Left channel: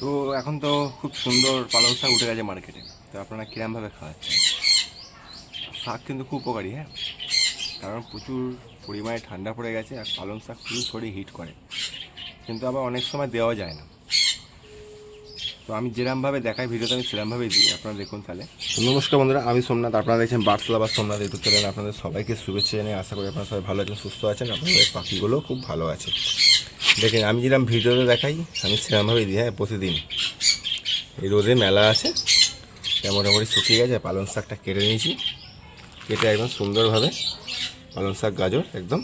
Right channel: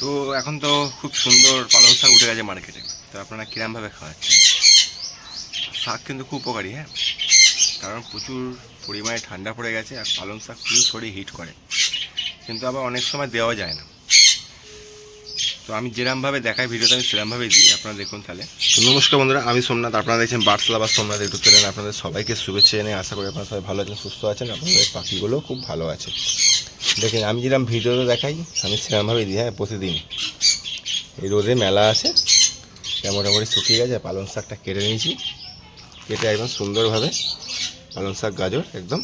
তো এখন তো খুব সুন্দর পালং শাক উঠে গেছে মার্কেটে। তো আপনারা কিরমভাবে খাওয়াচ্ছেন? শাক কিন্তু খুব উপকারী, হ্যাঁ, কারণ প্রচুর পরিমাণে ঠান্ডা পড়ে গেছে আর পালং শাক খুবই শরীর হিট করে, কিন্তু আবার অনেক সময় দেওয়া যায় না। তো আমি যেরমভাবে দেখাই ভিডিওতে আমি সেরমভাবেই দিই, আপনারা দেখুন তাহলে। তো নমস্কার বন্ধুরা, আমি সোমনাথ, আপনারা দেখছেন বার্ডস লাভার সোমনাথ ইউটিউব চ্যানেল। আপনাদের সবাইকে শুভেচ্ছা জানিয়ে আশা করি আপনারা সবাই ভালো আছেন, সুস্থ আছেন, আপনাদের পাখিগুলো খুব ভালো আছে। দেখেন আমি যেরকম ভিডিওতে দেখাই আমি সেরমভাবেই দিই, হ্যাঁ, প্রতিদিন। এই রোদে মেলা আছে, মোটামুটি শুকিয়ে গেছে। পালং শাকটা কেটে নিয়েছি, কেটে একদম সুন্দরভাবে পালং শাক গাজর একদম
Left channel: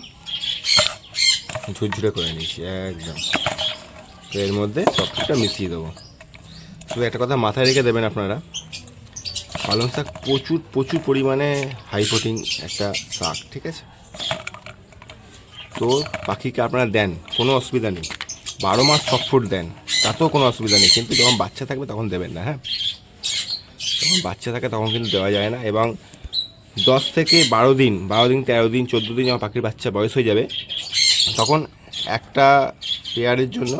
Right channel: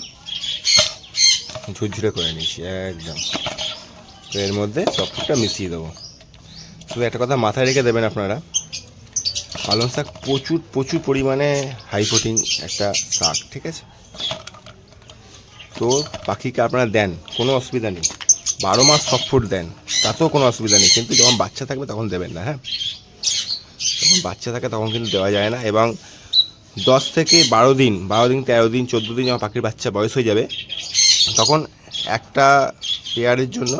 ঝুরঝুরে করে নিয়েছি একদম। তো এর মধ্যে সবটা মিশিয়ে দেবো। শুধু একটা কথা মাথায় রেখে দেবেন আপনারা, পালং শাক প্রচুর প্রচুর পরিমাণে হাই প্রোটিন একটা শাক, ঠিক আছে? তো পাখিকে আপনারা দেন, কোনো অসুবিধা নেই। 12 মাস সব ফুড দেন, তাতেও কোনো অসুবিধা নেই, কিন্তু যখন বাচ্চা থাকবে তখন দেবেন না, হ্যাঁ। যখন বাচ্চা থাকে তখন কিন্তু দেওয়া যায় না। এবং 10 থেকে 12 দিন, 12 দিন, 13 দিন, 14 দিন যখন পাখির বাচ্চা বয়স হয়ে যাবে, তখন একটা পেয়ারের জন্য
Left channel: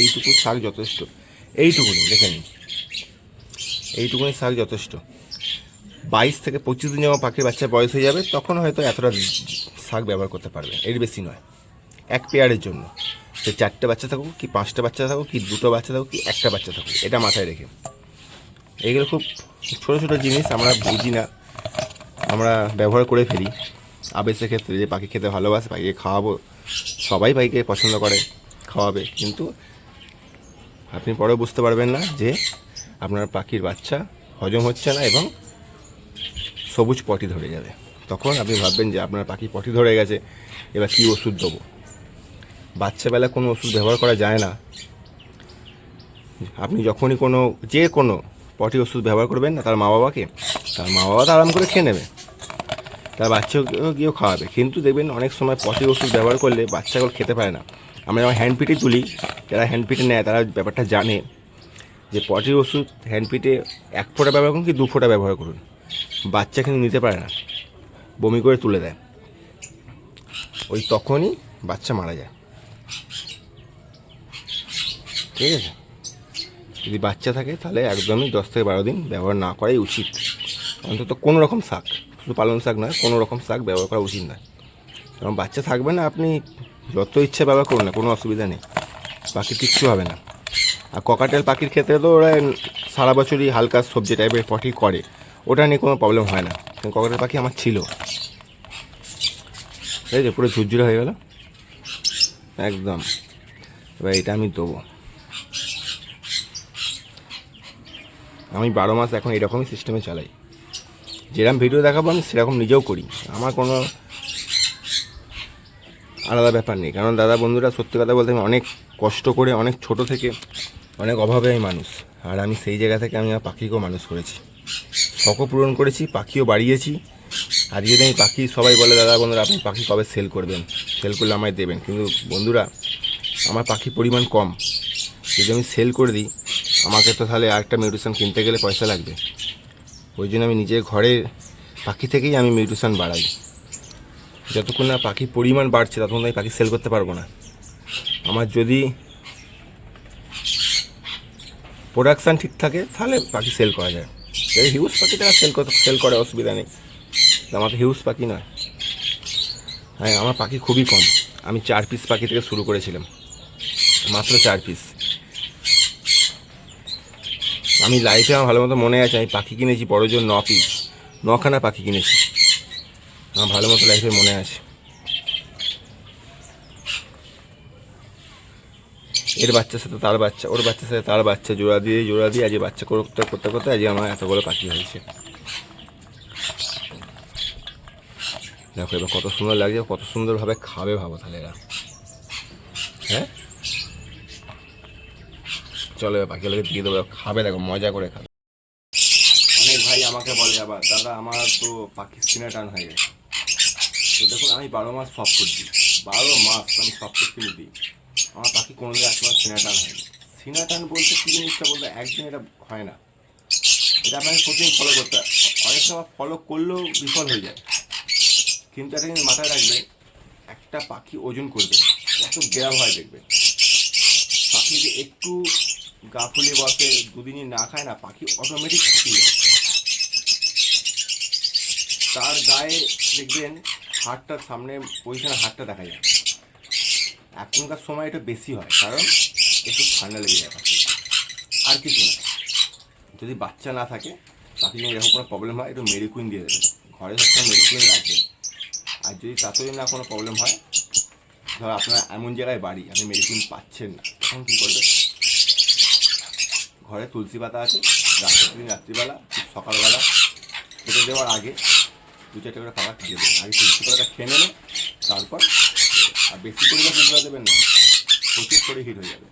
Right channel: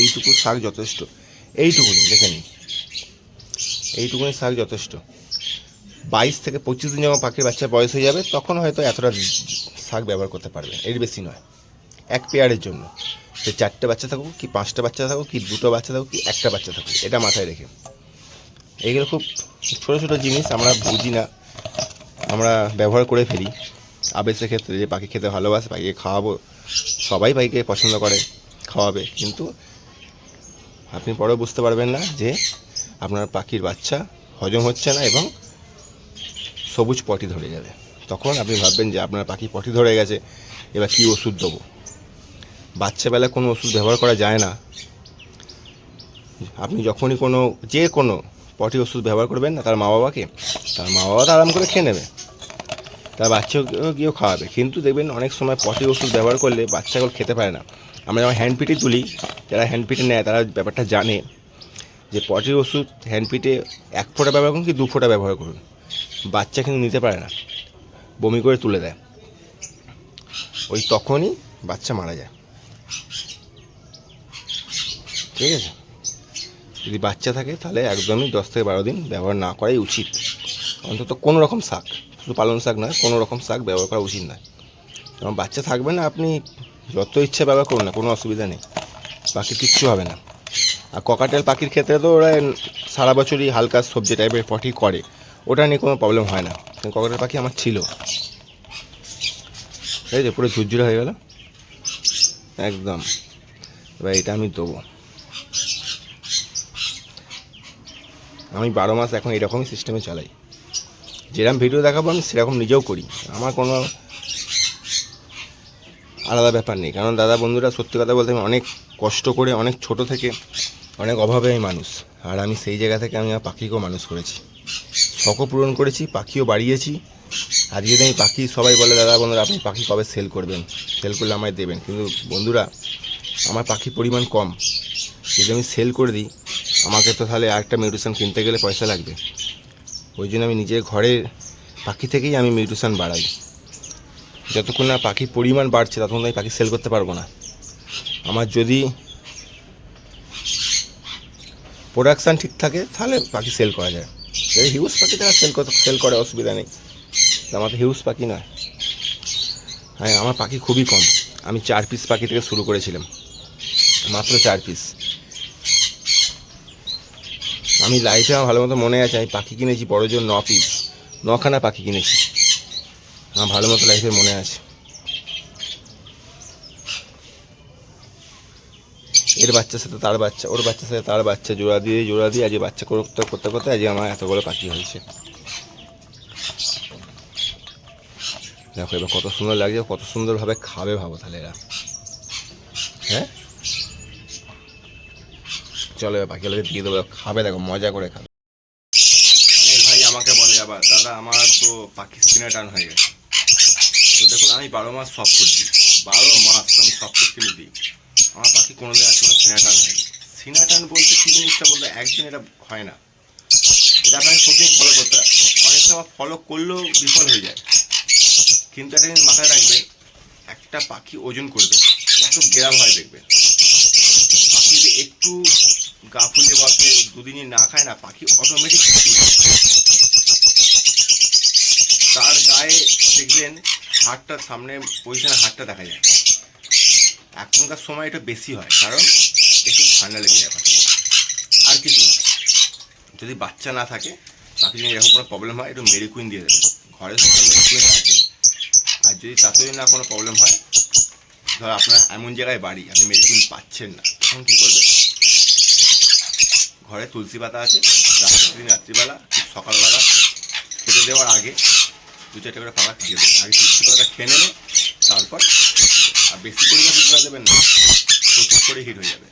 এইটুকু শাক যথেষ্ট। এইটুকুনি দেখে নিন, এইটুকুনি শাক যথেষ্ট। 22 থেকে 25 দিন যখন পাখির বাচ্চা বয়স হয়ে যাবে, তখন হয়তো এতটা শাক ব্যবহার করতে পারবে, এর বেশি নয়। এক পেয়ারের জন্য সে 4টে বাচ্চা থাকুক কি 5টা বাচ্চা থাকুক কি 2টো বাচ্চা থাকুক কি একটা বাচ্চা থাকুক, এটা মাথায় রেখে। এইগুলো খুব ছোটো ছোটো জিনিস, আমরা বুঝি না, আমরা ব্যবহার করে ফেলি আবেশের ক্ষেত্রে, যে পাখি খেতে ভালোবাসে, পাখিকে খাওয়াবো, সবাই পাখিকে পছন্দ করে, খাওয়াবে, কিন্তু আপনি পরেও বুঝতে পারবেন না যে আপনার পাখির বাচ্চা হজম হচ্ছে না এবং সবুজ পটি ধরে যাবে। তখন আপনি ভাববেন যে আপনার পাখি পটি ধরে গেছে, এবার কী ওষুধ দেবো। বাচ্চাবেলা কোনো ওষুধ ব্যবহার করা যায় না। আপনি যখনই যে কোনো পটি ওষুধ ব্যবহার করবেন না তার মা বাবাকে, তার মা বাবা তো আরাম করে খেয়ে নেবে, তার বাচ্চাকেও গিয়েও খাওয়াবে, কিন্তু দেখবেন অনেক সময় পটি ওষুধ ব্যবহার করলে বাচ্চাগুলো খেতে পারে না। আমরা যখন হ্যান্ডপিটে তুলি, যারা হ্যান্ডপিটে নেয় তারা ব্যাপারটা জানে যে পটি ওষুধ হ্যান্ডপিটে 1 ফোঁটা ব্যবহার করুন কি 2 ফোঁটা ব্যবহার করুন, বাচ্চা কিন্তু নিতে পারে না, বমি করে তুলে দেয়, ওই তখনই বাচ্চা মারা যায়, ঠিক আছে? যদি বাচ্চা থাকে তাহলে একদমই 10 থেকে 12 দিন ব্যবহার না করাই উচিত। অন্তত কোনো রকম শাক, শুধু পালং শাক নয়, কোনো রকম শাক ব্যবহার করা উচিত নয়। কারণ বাচ্চা থাকবে না, আপনি যত ইচ্ছে ব্যবহার করুন না, কোনো অসুবিধা নেই, পাখির কিচ্ছু হবে না। আর ককাটেল পাখির ক্ষেত্রে তো ওরা সারা বছরই হালকা সবজি টাইপের পটি করে, ওটা নিয়ে কোনো প্রবলেম হয় না। ককাটেল পাখি আমার ছিল, ঠিক আছে, পুরো ঝুরঝুরে হয়ে গেল একদম। এবার এটা আমি দেবো। আমি 12 মাস এখন এরকমই সিস্টেমে চালাই, যেরকম ভিডিও দেখাবো আমি সেরকম নিজেও করি, আমার কোনো আলাদা ব্যাপার নেই। কারণ দাদা বন্ধুরা, সত্যি কথা বলতে আমি অনেক কষ্ট করে, অনেক ছোট থেকে অনেক অভাবে আমি মানুষ, আর আমি সেই জায়গা থেকে আমি আমার পাখিকেও মানুষ করেছি, শখও পূরণ করেছি, পাখিও বাড়িয়েছি। আজকে যদি আমি পাখি, সবাই বলে দাদা বন্ধুরা আপনি পাখি কবে সেল করবেন, সেল করলে আমায় দেবেন, কিন্তু বন্ধুরা আমার পাখির পরিমাণ কম, যদি আমি সেল করে দিই আমাকে তো তাহলে আরেকটা মিউটেশন কিনতে গেলে পয়সা লাগবে। ওই জন্য আমি নিজের ঘরের পাখি থেকেই আমি মিউটেশন বাড়াই। যতক্ষণ না পাখির পরিমাণ বাড়ছে ততক্ষণ আমি পাখি সেল করতে পারবো না। আমার যদি প্রোডাকশান ঠিক থাকে তাহলে পাখি সেল করা যায়। এই হিউজ পাখি তারা সেল করে, অসুবিধা নেই, আমার তো হিউজ পাখি নয়। হ্যাঁ, আমার পাখি খুবই কম, আমি 4 পিস পাখি থেকে শুরু করেছিলাম, মাত্র 4 পিস। আমি লাইফে আমার ভালো মতো মনে আছে, আমি পাখি কিনেছি বড় জোর 9 পিস, 9খানা পাখি কিনেছি, আমার ভালো মতো লাইফে মনে আছে। এর বাচ্চার সাথে তার বাচ্চা, ওর বাচ্চার সাথে তার বাচ্চা, জোড়া দিয়ে আজকে বাচ্চা করতে করতে করতে আজকে আমার এতগুলো পাখি হয়েছে। দেখো এবার কত সুন্দর লাগছে, কত সুন্দরভাবে খাবে, ভাবো তাহলে এরা। হ্যাঁ, চলো এবার পাখিগুলোকে দিয়ে দেবো, খাবে, দেখো মজা করে খাবে। অনেক ভাই আমাকে বলে আবার দাদা আমার তো পাখি সিনা টান হয়ে গেছে। তো দেখুন আমি 12 মাস সব ফুড দিই, 12 মাস আমি সব ফুড কিনে দিই, আমার পাখি কোনোদিন আজকে আমার সিনা টান হয়নি। সিনা টান বলতে কী জিনিসটা বলতে, একদিন এটা হয় না, এটা আপনাকে প্রতিদিন ফলো করতে হয়। অনেক সময় ফলো করলেও বিফল হয়ে যায়, কিন্তু একটা জিনিস মাথায় রাখবেন, একটা পাখি ওজন করবে কত গ্রাম হয় দেখবেন। পাখি যদি একটু গা ফুলিয়ে বসে, দুদিনই না খায় না, পাখি অটোমেটিক তার গায়ে দেখবেন হাড়টার সামনে পজিশনে হাড়টা দেখা যায়। এখনকার সময় এটা বেশি হয়, কারণ একটু ঠান্ডা লেগে যায় পাখি, আর কিছু না। যদি বাচ্চা না থাকে, পাখি যদি এরকম কোনো প্রবলেম হয়, একটু মেডিকুইন দিয়ে দেবেন, ঘরে সবসময় মেডিকুইন রাখবেন। আর যদি তাতে না কোনো প্রবলেম হয়, ধর আপনার এমন জায়গায় বাড়ি আপনি মেডিকুইন পাচ্ছেন না, তখন কী করবেন? ঘরে তুলসী পাতা আছে, রাত্রিবেলা সকালবেলা খেতে দেওয়ার আগে 2-4টা করে পাতা দিয়ে দেবেন। আগে তুলসী পাতাটা খেয়ে নেবে, তারপর আর বেশি পরিমাণ তুলসী পাতা দেবেন না, প্রচুর করে হিট হয়ে যাবে।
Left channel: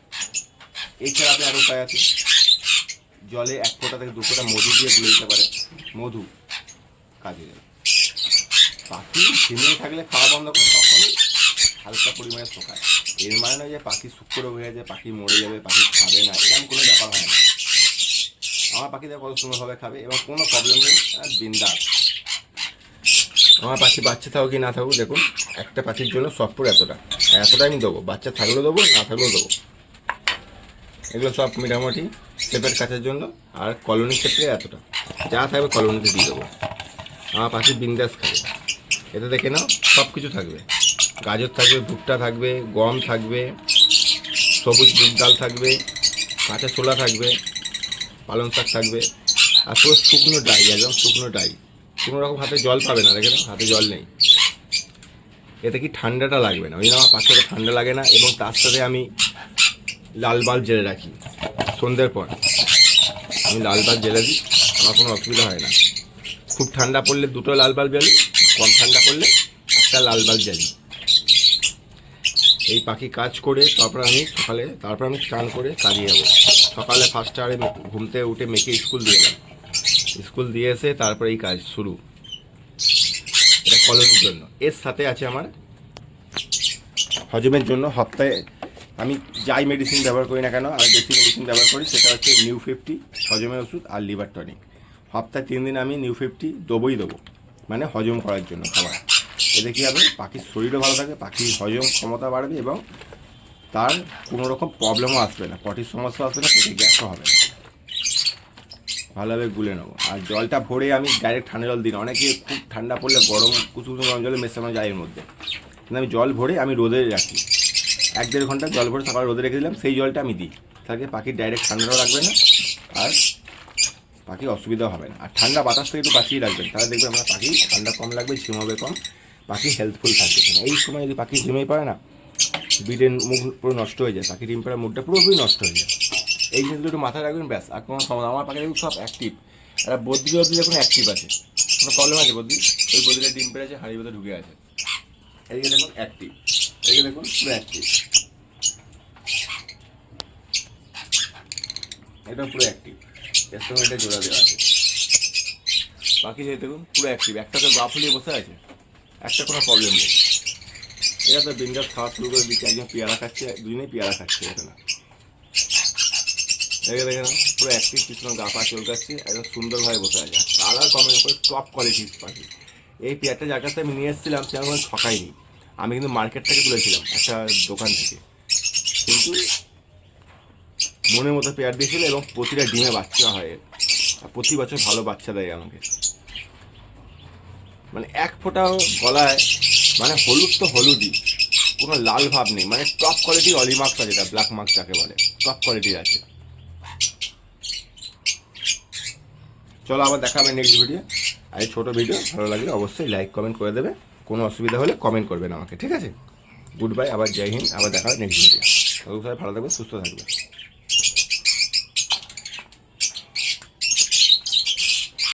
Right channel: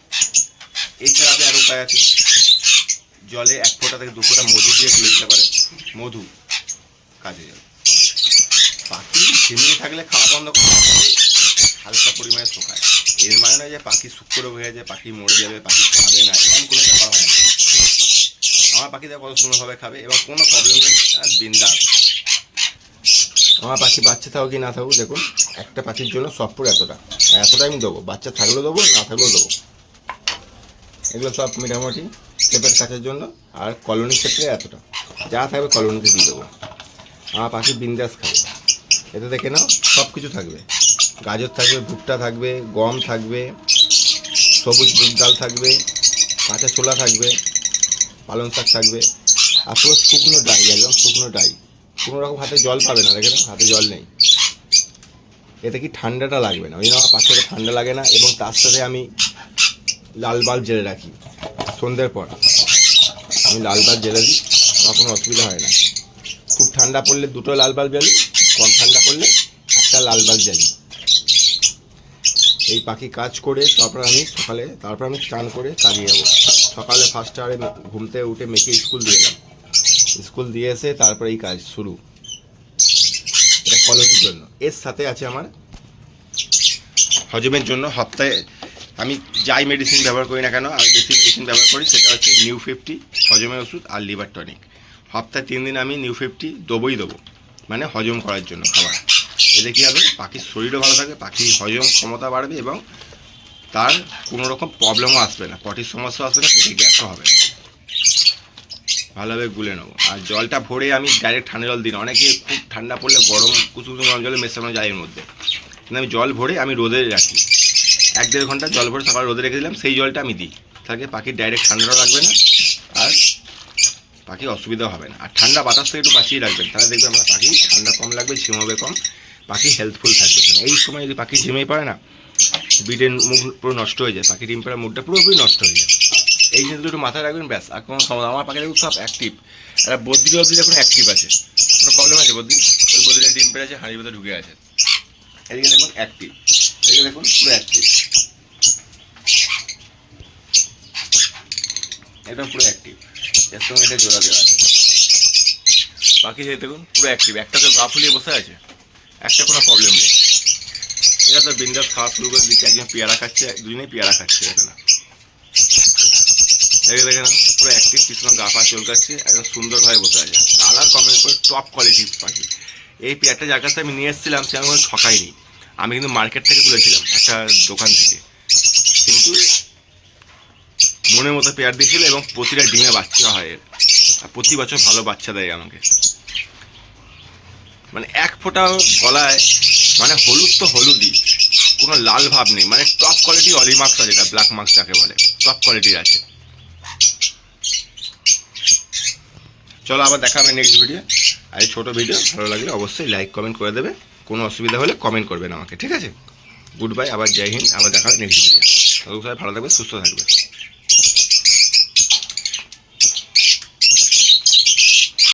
এছাড়া আপনি আরও উপায় আছে, জলে 1 ফোঁটা থেকে 2 ফোঁটা মধু দিয়ে তুলে দিতে পারে, মধু কাজে যাবে। পাখি ঝিমিয়ে থাকলে খাওয়া বন্ধ করে হালকা পরিমাণে শোকায়। এর মানে নয় যে পাখি শুক্র হয়ে যায়, পাখি মরে যাবে, পাখি খাবে না, এরকম কোনো ব্যাপার হয় না। আমার পাখিদের কত সুন্দরভাবে খাবে এবং কোনো প্রবলেম নেই, বিন্দাস। আমার পাখি বাচ্চা থাকুক কি না থাকুক, দেখুন একটা পাখির জন্য সব পুরো এতটা আমি দেবো, বাচ্চা থাকলেও দেবো, না থাকলেও দেবো। এগুলো সব মোটামুটি সেপের কাছের জন্য, আর কলোনির ক্ষেত্রে এতটা যা থাকবে কলোনিতে দিয়ে দেবো। আমার পাখি বিন্দাস খাবে। এতে দেখে নাও সব কিছু থাকবে, গাজর থাকবে, ভুট্টা থাকবে, গম থাকবে, সবুজ মুগ ডাল থাকবে, কাঁচা ছোলা থাকবে, পালং শাক থাকবে, আর পুরো শুকনো ডাই, একদম শুকনো ডাই। কোনো রকম হাতে জল পাবে না, দেখে নাও হাতে জল নেই। এতে কি ঠান্ডাটা লাগবে না, ওই জন্য আমার পাখিটা ঠান্ডা লাগে না। এবং তার সাথে আমি লাল বাল্ব জেলে রাখি, সন্ধ্যের পর আমি লাল বাল্ব জেলে দিই, আমার কোনো অসুবিধা হয় না। খুব ঠান্ডা পড়লে 2টো লাল বাল্ব জ্বালি, কম ঠান্ডা পড়লে 1টা লাল বাল্ব জ্বালি। এই পাখি কাজ করে তারপর আমি স্নান করে কাজে যাবো। সকালে ফার্স্ট আওয়ারে ঘুম থেকে উঠে মেয়েকে স্কুল দিয়ে এলাম, স্কুল দিয়ে এসে তারপরে এই কাজ শুরু। এটা কলোনির জন্য। এর সাথে আছে আমার হজমের জন্য, সপ্তাহে আমি যাই মেডিসিন ব্যবহার করি না কেন, আমি বেশি মেডিসিন ব্যবহার করি, সেটা হচ্ছে নিউ 50 হজমের ওষুধ আর লিভার টনিক। সপ্তাহে 3 দিন আমি নিউ 50 দেবো, মানে হজম করার জন্য খাবার। এতে কী হবে, পাখির শরীরও ভালো থাকবে, পাখির হজম ক্ষমতা বাড়বে এবং তার কোনো রকম প্রবলেমও আসবে না, পটির সমস্যা আসবে না, পেটে গ্যাসও হবে না। ভালোভাবে গুলে নেবো। আর জলটা ভরে আমি ডাইরেক্ট ঠান্ডা জল দিই না, অনেকে খুব ঠান্ডা পড়লে গরম কুসুম গরম জলে মেশানো যায় এর মধ্যে, কিন্তু আমি জল ভরে আমি রোদে রাখি, 1-1.5 ঘন্টা জল ভরে সকালে রোদে রেখে দিলাম, সেই জলটা আমি দিই। তাহলে পাখির ডাইরেক্ট ঠান্ডাটাও লাগবে না, আর পাখির অসুবিধাও হবে না। আর ঠান্ডা বাতাস থেকে একটু বাঁচিয়ে রাখবেন, তাহলে দেখবেন আপনার পাখি ঠান্ডা কম লাগবে, ঝিমাবে কম, পাখি হেল্পফুল থাকবে। এই সময় যদি পাখি ঝিমেই পড়ে না, ব্রিডের মুখ পুরো নষ্ট হয়ে যায়, পাখি ডিম পাড়ার মুখটা পুরোপুরি নষ্ট হয়ে যায়। এই জিনিসগুলো একটু মাথায় রাখবেন, ব্যাস। আর কোনো সমস্যা, আমার পাখি দেখুন সব অ্যাক্টিভ। একটা বদ্রি যখন অ্যাক্টিভ আছে, কোনো প্রবলেম আছে বদ্রি? ওই বদ্রিটা ডিম পেড়েছে, হাঁড়ির ভিতরে ঢুকে আছে। এদিকে দেখুন অ্যাক্টিভ, এদিকে দেখুন পুরো অ্যাক্টিভ, একদম পুরো অ্যাক্টিভ। এর সঙ্গে এটা জোড়া দেওয়া আছে। বাকি যে দেখুন পুরো অ্যাক্টিভ, একটা তো গা ফুলিয়ে বসে আছে, একটা কোনো প্রবলেম নেই। এরা তো বিন্দাস খাওয়া শুরু করে দিচ্ছে, একজন পেয়ারা খাচ্ছে, দুজনেই পেয়ারা খাচ্ছে, দেখে না, দেখে না পুরো অ্যাক্টিভ, কিছু গা পা চলকাচ্ছে, একদম সুন্দরভাবে বসে আছে। কালার কমেন্ট করে টপ কোয়ালিটির পাখি। এই পেয়ারটা যার কাছে আমি নিয়ে এসেছিলাম সে আমি কোনো ঠকাইনি, আমি কিন্তু মার্কেট থেকে তুলেছিলাম, একটা দোকান থেকে, কিন্তু মনের মতো পেয়ার দিয়েছিল এবং প্রতিটা ডিমে বাচ্চা হয় এর, আর প্রতি বছর ভালো বাচ্চা দেয় আমাকে। মানে 1 ফোঁটা গলায়, মানে হলুদ তো হলুদই, কোনো লাল ভাব নেই, মানে টপ কোয়ালিটি অলি মার্কস আছে, যেটা ব্ল্যাক মার্কস যাকে বলে, টপ কোয়ালিটির আছে। চলো আবার দেখা হবে নেক্সট ভিডিও। আর এই ছোটো ভিডিও ভালো লাগলে অবশ্যই লাইক কমেন্ট করে দেবে, কোনো অসুবিধা হলে কমেন্ট করবেন আমাকে, ঠিক আছে? গুড বাই, আবার জয় হিন্দ, আবার দেখা হবে নেক্সট ভিডিও। সবাই ভালো থাকবে, সুস্থ থাকবে।